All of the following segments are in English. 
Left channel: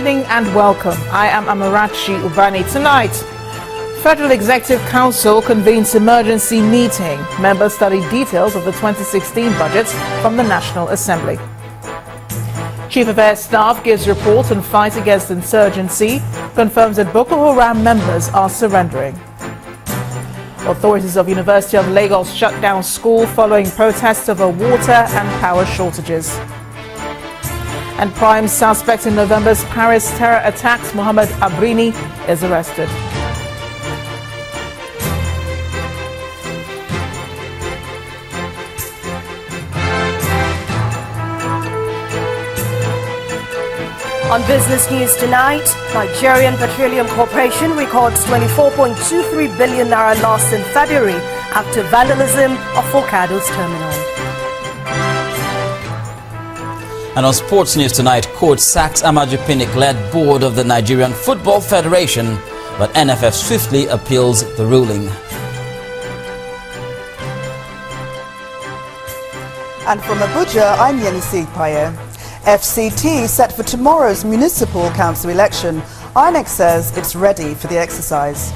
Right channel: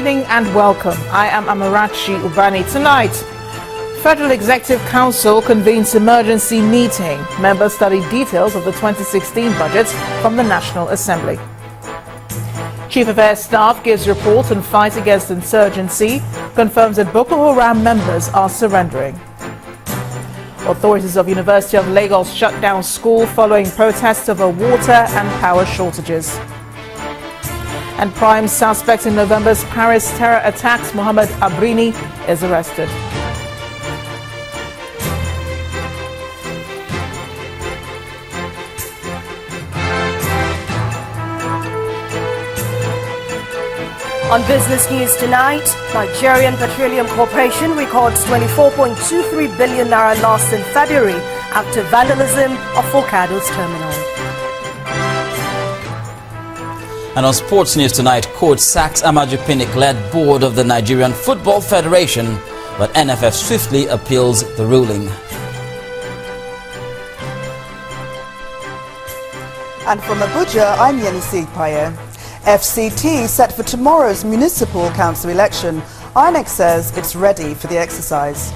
evening and welcome. I am Amarachi Ubani. Tonight, Federal Executive Council convenes emergency meeting. Members study details of the 2016 budget from the National Assembly. Chief of Air Staff gives report on fight against insurgency, confirms that Boko Haram members are surrendering. Authorities of University of Lagos shut down school following protests over water and power shortages. And prime suspect in November's Paris terror attacks, Mohamed Abrini, is arrested. On business news tonight, Nigerian Petroleum Corporation records 24.23 billion naira loss in February after vandalism of Forcados terminal. And on sports news tonight, coach sacks Amaju Pinnick-led board of the Nigerian Football Federation, but NFF swiftly appeals the ruling. And from Abuja, I'm Yenisi Paye. FCT set for tomorrow's municipal council election. INEC says it's ready for the exercise.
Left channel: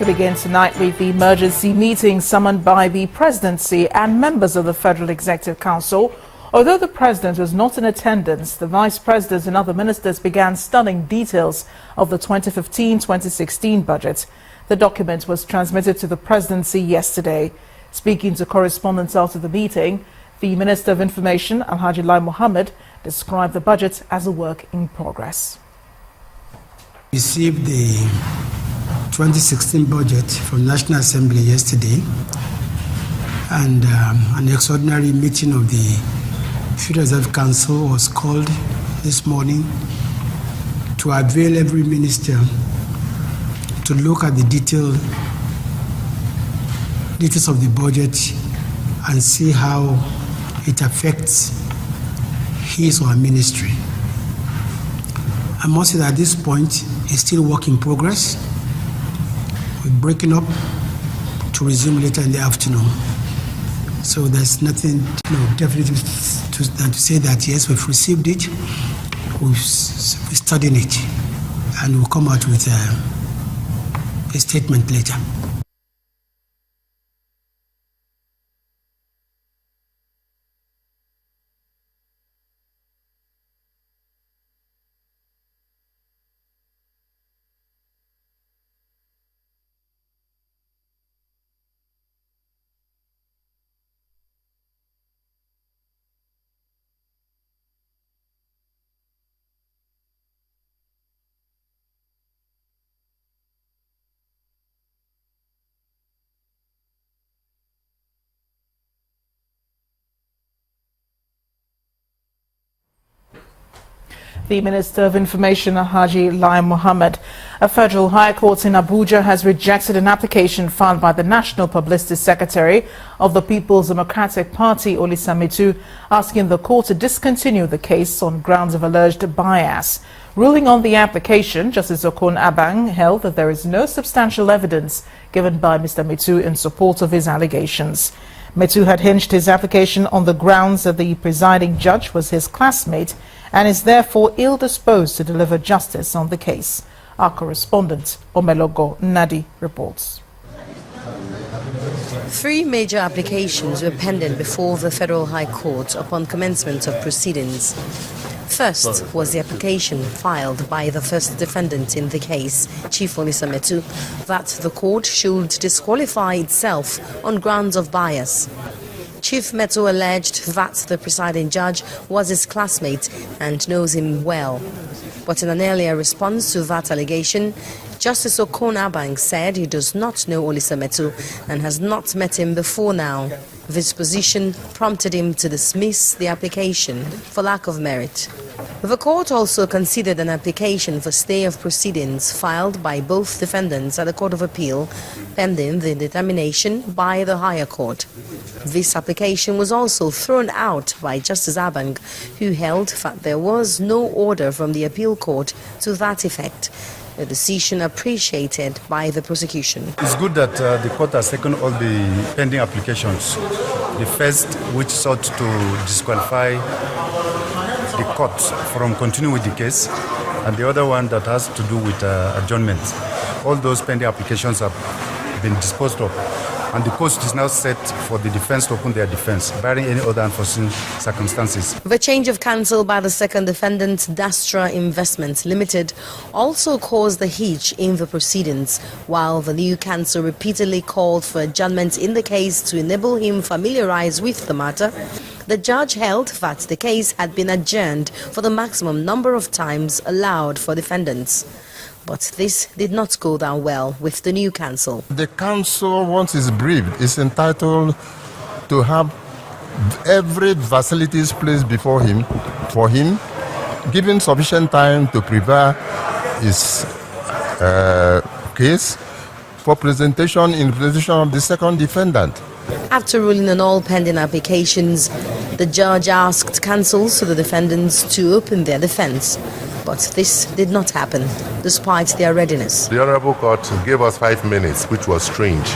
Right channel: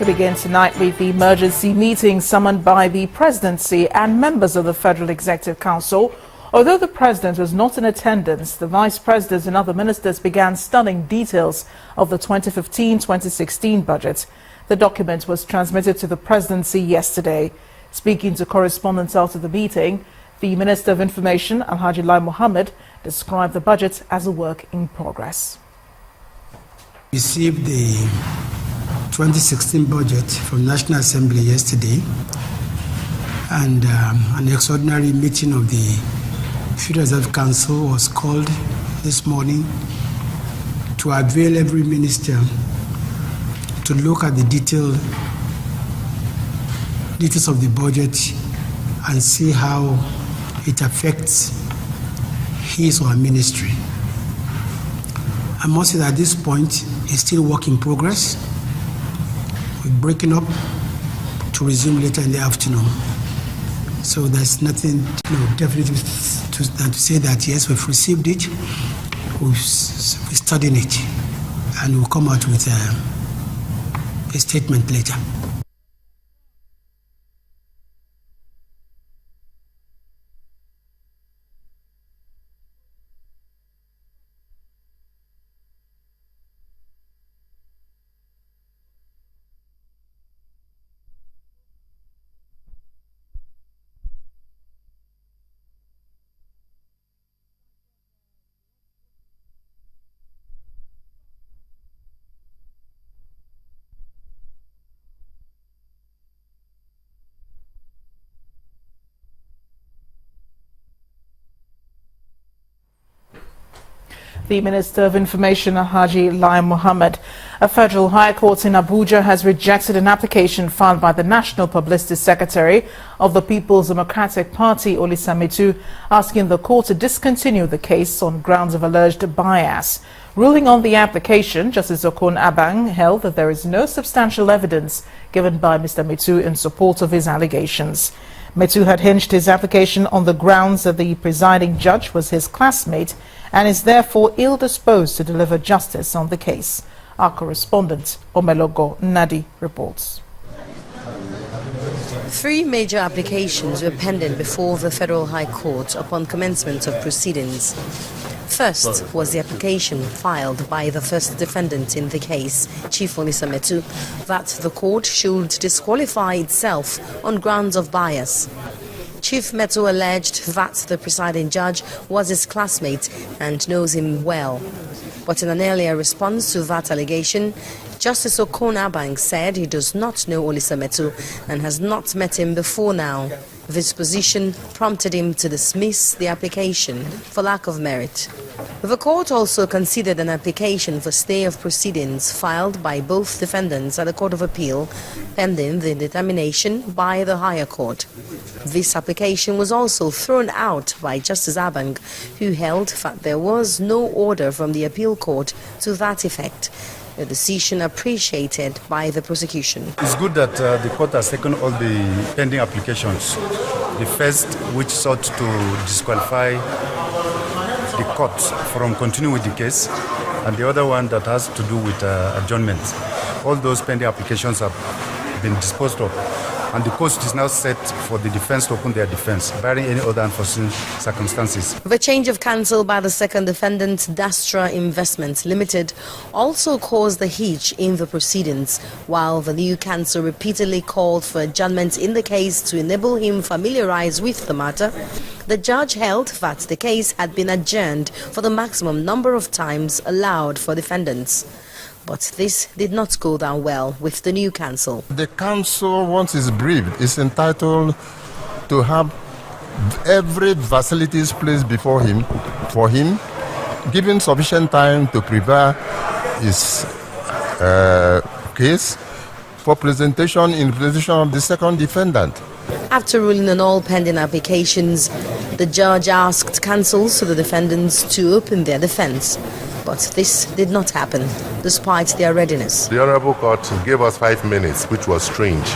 We begin tonight with the emergency meeting summoned by the Presidency and members of the Federal Executive Council. Although the President was not in attendance, the Vice President and other ministers began studying details of the 2015-2016 budget. The document was transmitted to the Presidency yesterday. Speaking to correspondents after the meeting, the Minister of Information, Alhaji Lai Mohammed, described the budget as a work in progress. We received the 2016 budget from the National Assembly yesterday, and an extraordinary meeting of the Federal Executive Council was called this morning to avail every minister to look at the details of the budget and see how it affects his or her ministry. I must say that at this point it's still work in progress. We're breaking up to resume later in the afternoon. So there's nothing definitely to say that yes, we've received it, we're studying it, and we'll come out with a statement later. The Minister of Information, Alhaji Lai Mohammed. A federal high court in Abuja has rejected an application filed by the National Publicity Secretary of the People's Democratic Party, Olisa Metu, asking the court to discontinue the case on grounds of alleged bias. Ruling on the application, Justice Okon Abang held that there is no substantial evidence given by Mr. Metu in support of his allegations. Metu had hinged his application on the grounds that the presiding judge was his classmate and is therefore ill-disposed to deliver justice on the case. Our correspondent, Omelogo Nadi, reports. 3 major applications were pending before the Federal High Court upon commencement of proceedings. First was the application filed by the first defendant in the case, Chief Olisa Metu, that the court should disqualify itself on grounds of bias. Chief Metu alleged that the presiding judge was his classmate and knows him well. But in an earlier response to that allegation, Justice Okon Abang said he does not know Olisa Metu and has not met him before now. This position prompted him to dismiss the application for lack of merit. The court also considered an application for stay of proceedings filed by both defendants at the Court of Appeal, pending the determination by the higher court. This application was also thrown out by Justice Abang, who held that there was no order from the appeal court to that effect. a decision appreciated by the prosecution. It's good that the court has taken all the pending applications. The first, which sought to disqualify the court from continuing with the case, and the other one that has to do with adjournment. All those pending applications have been disposed of, and the court is now set for the defense to open their defense, barring any other unforeseen circumstances. The change of counsel by the second defendant, Dastra Investments Limited, also caused a hitch in the proceedings, while the new counsel repeatedly called for adjournment in the case to enable him familiarize with the matter. The judge held that the case had been adjourned for the maximum number of times allowed for defendants. But this did not go down well with the new counsel. The counsel, once is briefed, is entitled to have every facilities placed before him, for him, given sufficient time to prepare his case for presentation in presentation of the second defendant. After ruling on all pending applications, the judge asked counsels to the defendants to open their defense. But this did not happen, despite their readiness. The Honorable Court gave us 5 minutes, which was strange,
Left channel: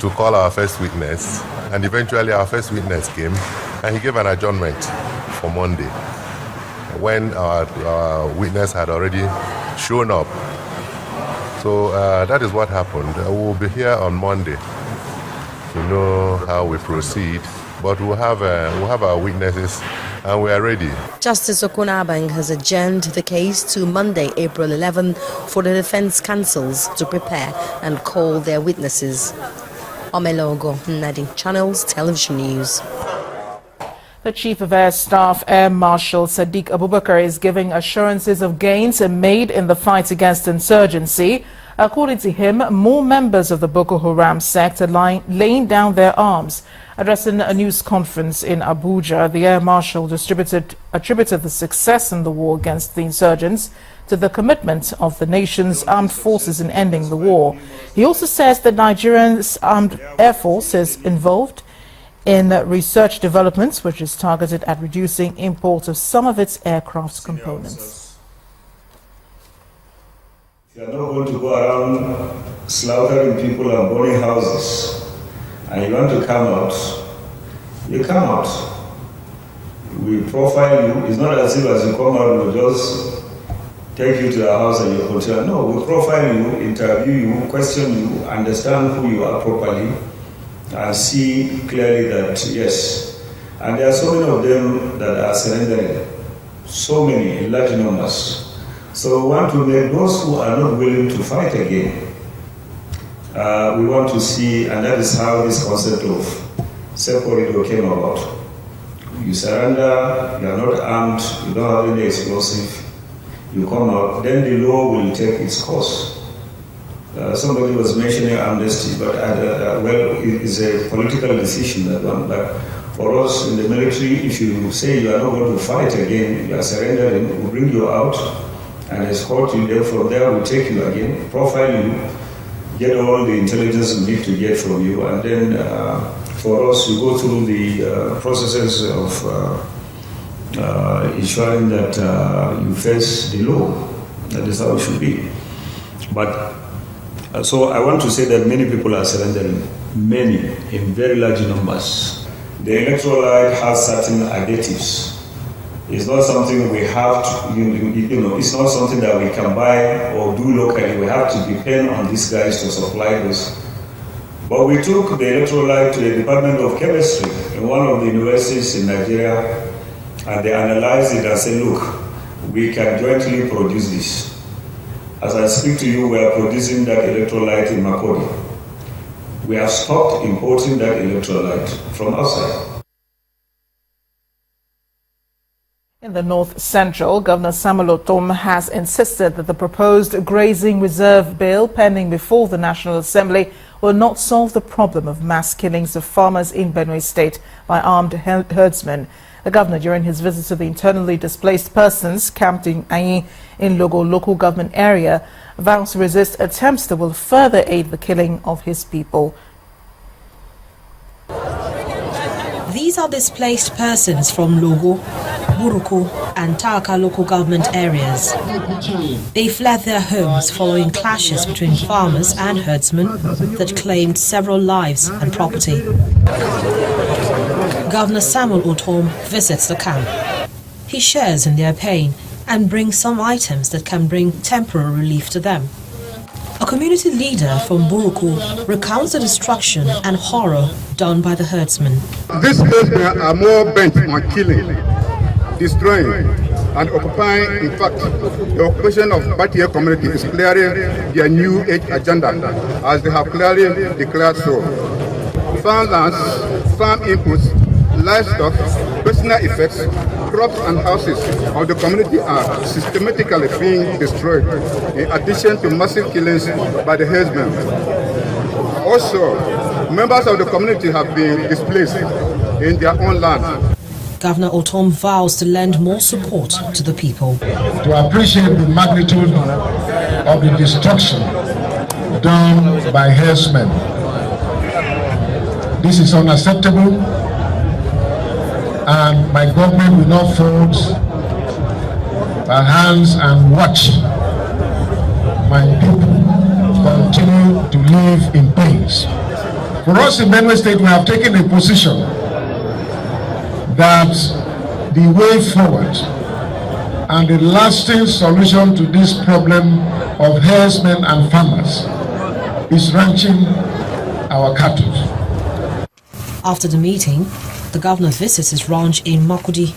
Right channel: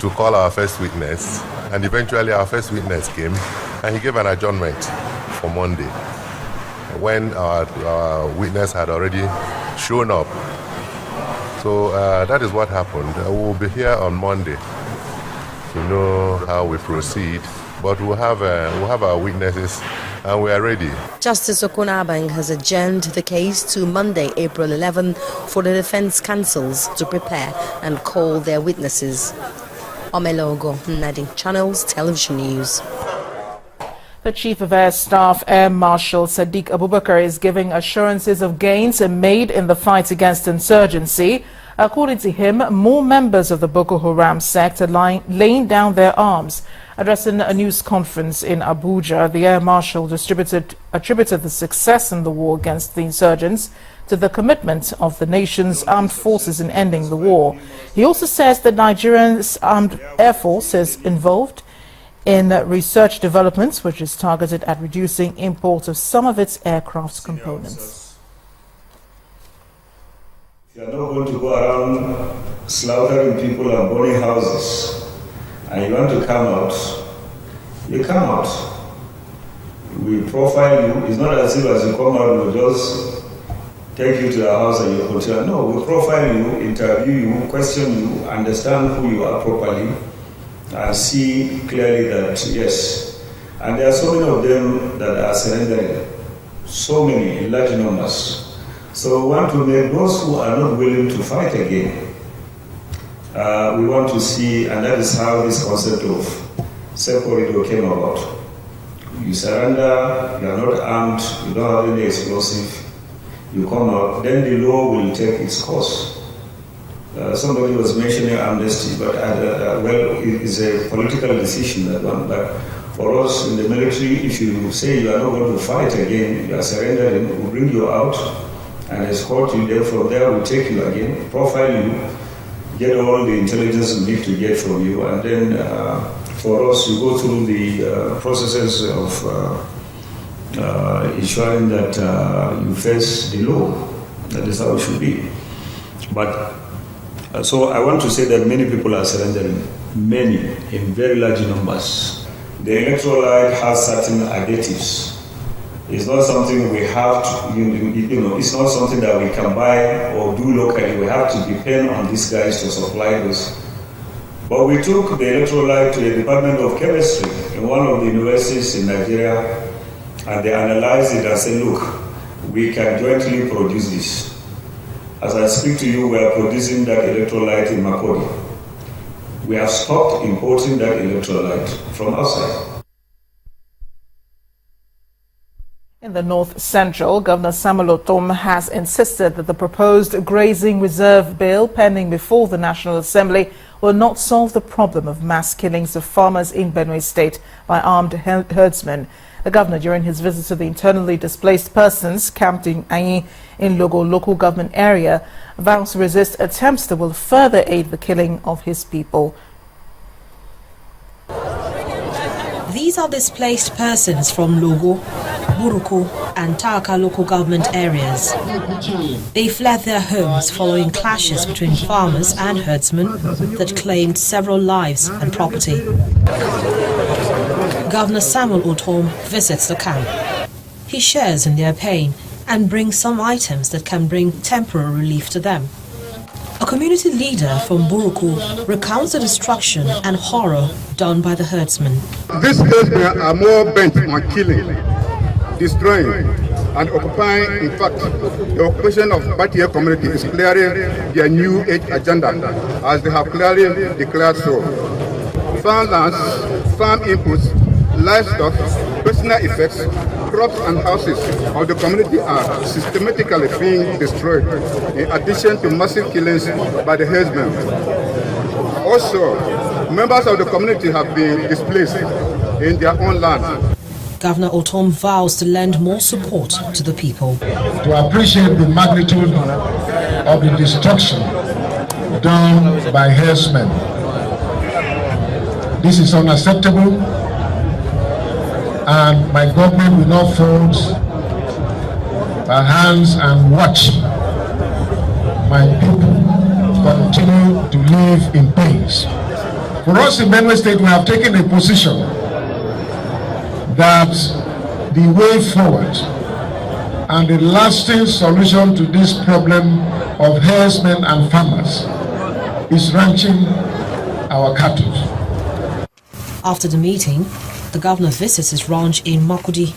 to call our first witness. And eventually our first witness came, and he gave an adjournment for Monday, when our witness had already shown up. So that is what happened. We will be here on Monday to know how we proceed. But we'll have our witnesses, and we are ready. Justice Okunabang has adjourned the case to Monday, April 11, for the defense counsels to prepare and call their witnesses. Omelogo, Nadi Channels Television News. The Chief of Air Staff, Air Marshal Sadiq Abubakar, is giving assurances of gains made in the fight against insurgency. According to him, more members of the Boko Haram sect are laying down their arms. Addressing a news conference in Abuja, the Air Marshal attributed the success in the war against the insurgents to the commitment of the nation's armed forces in ending the war. He also says that Nigeria's Armed Air Force is involved in research developments, which is targeted at reducing imports of some of its aircraft components. You are not going to go around slaughtering people and burning houses, and you want to come out, you come out. We profile you. It's not as if as you come out, we'll just take you to the house and you continue. No, we profile you, interview you, question you, understand who you are properly, and see clearly that, yes. And there are so many of them that are surrendering, so many, in large numbers. So we want to make those who are not willing to fight again. We want to see, and that is how this concept of safe corridor came about. You surrender, you are not armed, you don't have any explosive, you come out, then the law will take its course. Somebody was mentioning amnesty, but well, it is a political decision, that one. But for us in the military, if you say you are not going to fight again, you are surrendering, we'll bring you out and escort you there. From there, we'll take you again, profile you, get all the intelligence we need to get from you, and then for us, we go through the processes of ensuring that you face the law. That is how it should be. But so I want to say that many people are surrendering, many, in very large numbers. The electrolyte has certain additives. It's not something we have to, it's not something that we can buy or do locally. We have to depend on these guys to supply this. But we took the electrolyte to the Department of Chemistry in one of the universities in Nigeria, and they analyzed it and said, look, we can jointly produce this. As I speak to you, we are producing that electrolyte in Makodi. We have stopped importing that electrolyte from outside. In the North Central, Governor Samuel Otom has insisted that the proposed grazing reserve bill pending before the National Assembly will not solve the problem of mass killings of farmers in Benue State by armed herdsmen. The governor, during his visit to the internally displaced persons camped in Ayi in Logo local government area, vows to resist attempts that will further aid the killing of his people. These These are displaced persons from Logo, Buruku and Taka local government areas. They fled their homes following clashes between farmers and herdsmen that claimed several lives and property. Governor Samuel Otom visits the camp. He shares in their pain and brings some items that can bring temporary relief to them. A community leader from Buruku recounts the destruction and horror done by the herdsmen. These herdsmen are more bent on killing, destroying, and occupying. In fact, the occupation of Batia community is clearly their new age agenda, as they have clearly declared so. Farmlands, farm inputs, livestock, personal effects, crops and houses of the community are systematically being destroyed, in addition to massive killings by the herdsmen. Also, members of the community have been displaced in their own land. Governor Otom vows to lend more support to the people. To appreciate the magnitude of the destruction done by herdsmen. This is unacceptable, and my government will not fold our hands and watch my people continue to live in peace. For us in Benue State, we have taken a position that the way forward and the lasting solution to this problem of herdsmen and farmers is ranching our cattle. After the meeting, the governor visits his ranch in Makudi.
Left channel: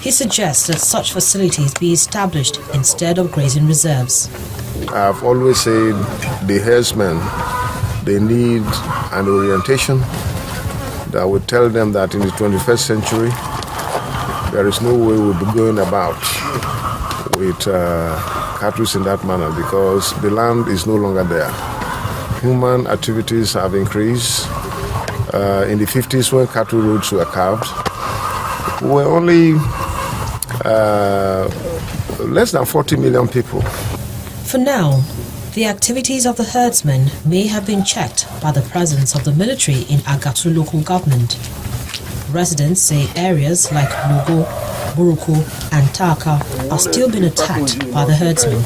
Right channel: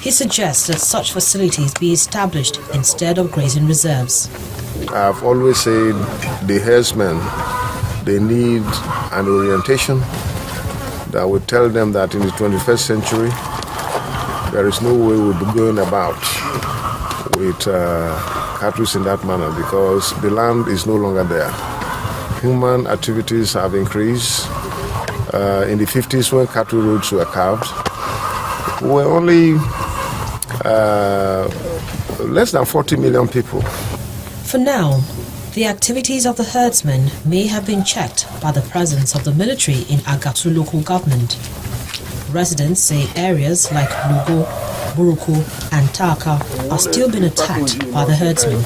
He suggests that such facilities be established instead of grazing reserves. I've always said the herdsmen, they need an orientation that would tell them that in the 21st century, there is no way we'll be going about with cattle in that manner, because the land is no longer there. Human activities have increased. In the 50s, when cattle roads were carved, we were only less than 40 million people. For now, the activities of the herdsmen may have been checked by the presence of the military in Agatu local government. Residents say areas like Logo, Buruku and Taka are still being attacked by the herdsmen.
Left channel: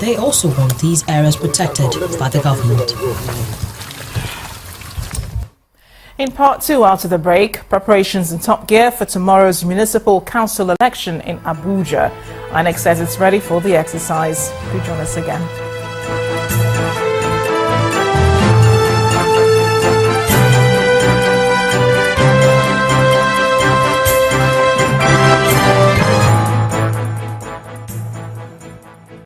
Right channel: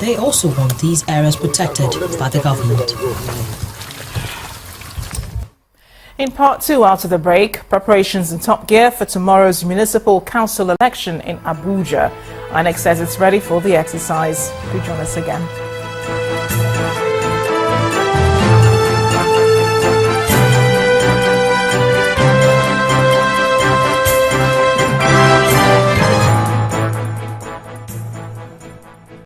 They also want these areas protected by the government. In part two, after the break, preparations in top gear for tomorrow's municipal council election in Abuja. INEC says it's ready for the exercise. Do join us again.